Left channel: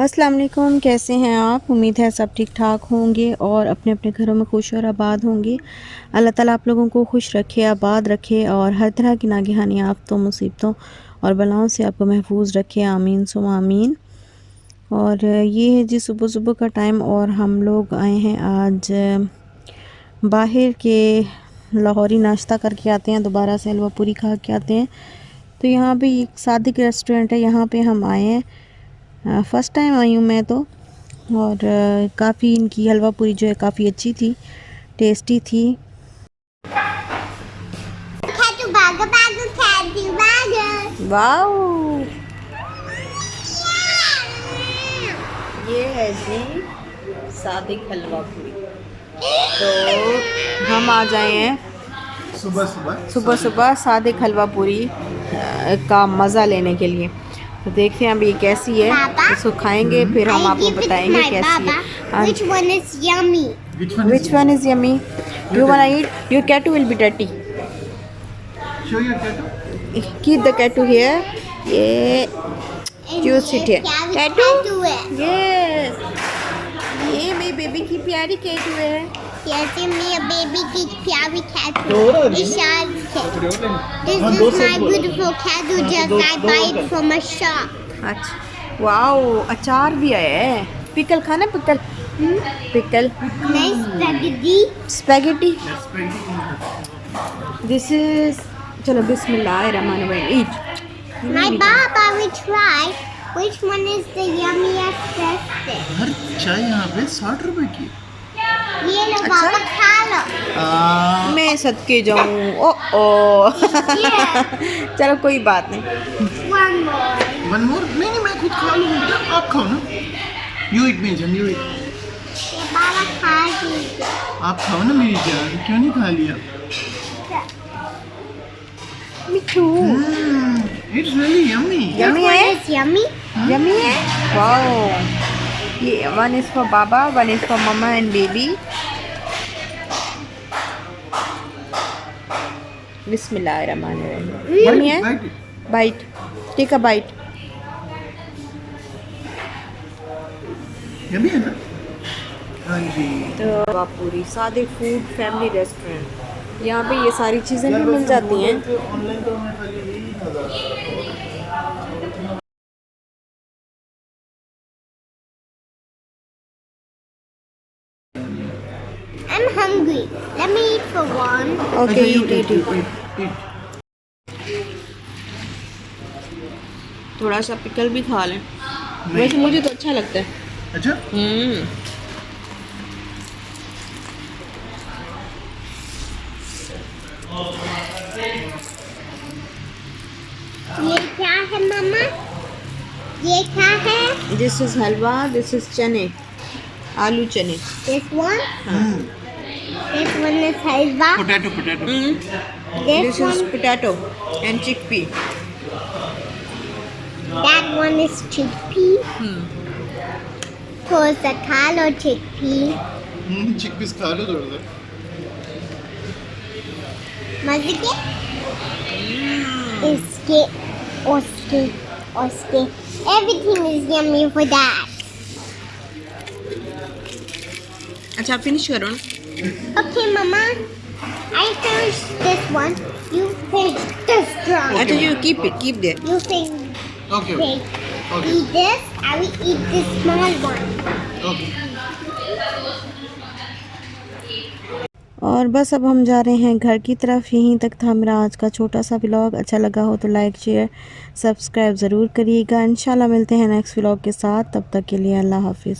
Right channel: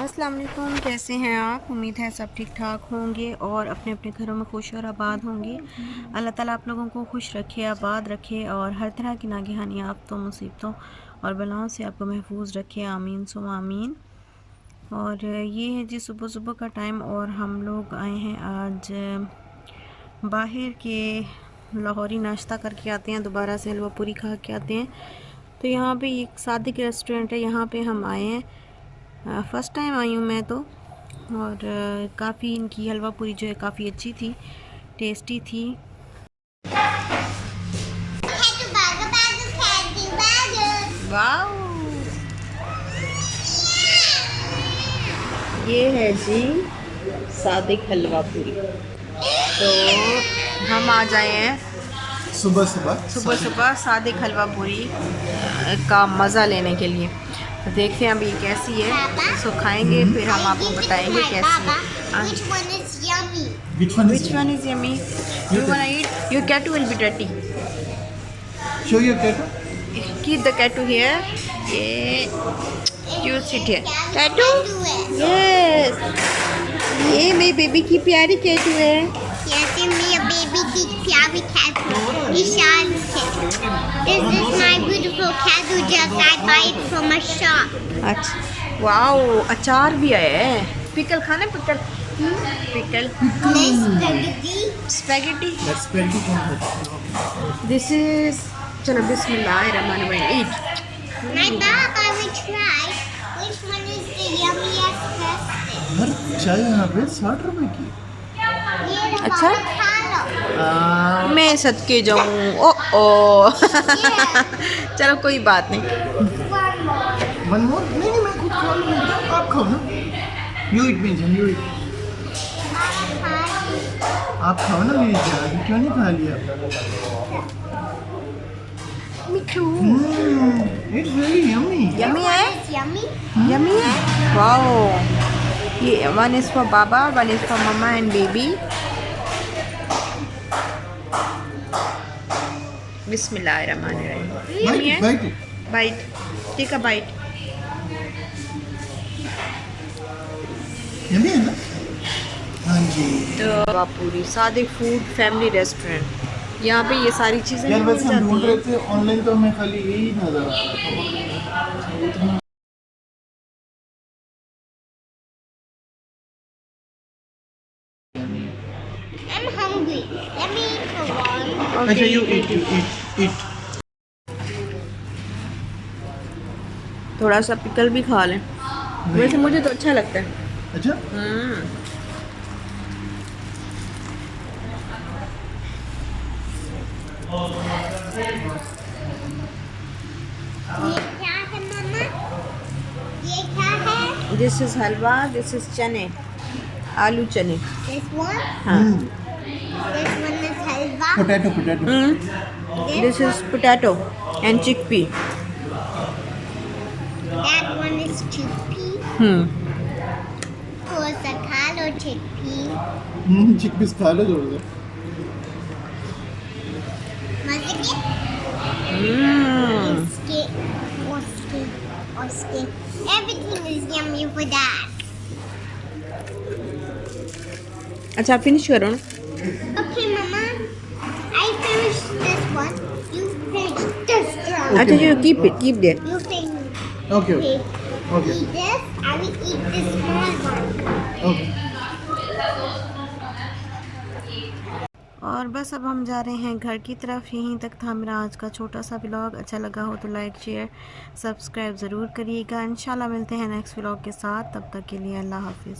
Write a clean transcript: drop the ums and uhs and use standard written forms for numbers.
अस्सलाम वालेकुम, कैसे हैं आप? उम्मीद है सब ठीक ठाक होंगे और अपने अपने घरों में खुश और आबाद होंगे। अल्लाह ताला आप लोगों को खुश रखे, आबाद रखे और हर तरह की नागहानी आफ़तों, मुसीबतों और बलाओं से आपको महफूज रखे। आमीन सुम्मा आमीन। और ये है जी सुबह सुबह का टाइम और हम लोग आए हैं आज बाहर के लाहौरी नाश्ता करके आते हैं, दोबारा से हलवा पूरी खा के आते हैं। तो यहाँ पे एक सादिक रेस्टोरेंट है, यहाँ पे हम आए हैं। फ़र्स्ट टाइम आई हूँ मैं तो। और काफ़ी इनकी हलवा पूरी जो है काफ़ी अच्छी थी, टेस्टी थी। वाओ, ये है जी सादिक हलवा पूरी। तो हम आ जाए हैं सुबह सुबह सादिक हलवा पूरी का मज़ा लेने के लिए। तो देखते हैं अभी ये कैसी है, इसको खाएंगे फिर हम आपको बताएंगे कैसी है। Which one is yummy? Which one is yummy? You wanna eat? Your cat will be dirty. Show your cat. Keep the cat here. Yeah. You sit here. Tattoo? Yes. ये मेरी बेबी की प्यारी टैटू है। Yes, me a baby की प्यारी cat. Vishal cat. This is my beautiful cat who just I buy it from a shop. अच्छा, wow, अचार भी आया है। पिकल खाना, पिकल पिकल नहीं spaghetti. स्पैगेटी। दिस इज, चलो बिस्मिल्लाहिर्रहमानिर्रहीम, ईट। My Baba will try. Which one is the yummiest tasted? हर चाय यहाँ पे 60 रुपए की। ये लो अच्छा? बाबा खा लो. मैं सदके जाऊँ। ओ चलो कोई बात नहीं। One more. One more? नहीं मैं खुद खा लूँगा बेटा, आप खाओ ना। You eat mean you eat. बाबा खा ली. आप खाओ ना मेरी जान, क्यों नहीं खा लिया? Mithu it's really yummy. Yummy है, It's yummy. यम्मी है। वाओ, ये one is for baba, one is for mama and baby. बिस्मिल्लाहिर्रहमानिर्रहीम। यम्मी है। Bite, take a bite. Yummy है ना? हाँ जी। तो पूरी सादिक फूड फैमिली रेस्टोरेंट, यहाँ पे ये सारी चीज़ें भी मिल जाती हैं। ऑनलाइन तो मैं खाली यही नजर आता है। I'm hungry. Let me eat for one. अच्छा यू ओके, इट इट। थोड़ा सा पिकल भी खा लें। वैसे मुझे तो अच्छा लगता है। अच्छा ये क्या है मम्मा? ये क्या है? This is halwa, this is चने, आलू चने। This one? हाँ, This one is halwa. Potato. This is potato and chickpea. That one is chickpea. थोड़ा सा खा लो chickpea. चिकपीस खा लो थोड़ा सा। मजे के? इसके, उसके. Everything is yummy for that. अच्छा फिनिश करो ना। Okay, Mama. I finished this one. You finished this one. अच्छा you keep it, keep their. You finished. Okay okay Eat this. I will eat this small one. Okay. और बस अब हम जा रहे हैं घर की तरफ। यहीं तक था मेरा आज का छोटा सा व्लॉग। अच्छा लगा हो तो लाइक शेयर सब्सक्राइब ज़रूर करिएगा। इंशाल्लाह मिलते हैं नेक्स्ट व्लॉग के साथ, तब तक के लिए अल्लाह हाफिज़।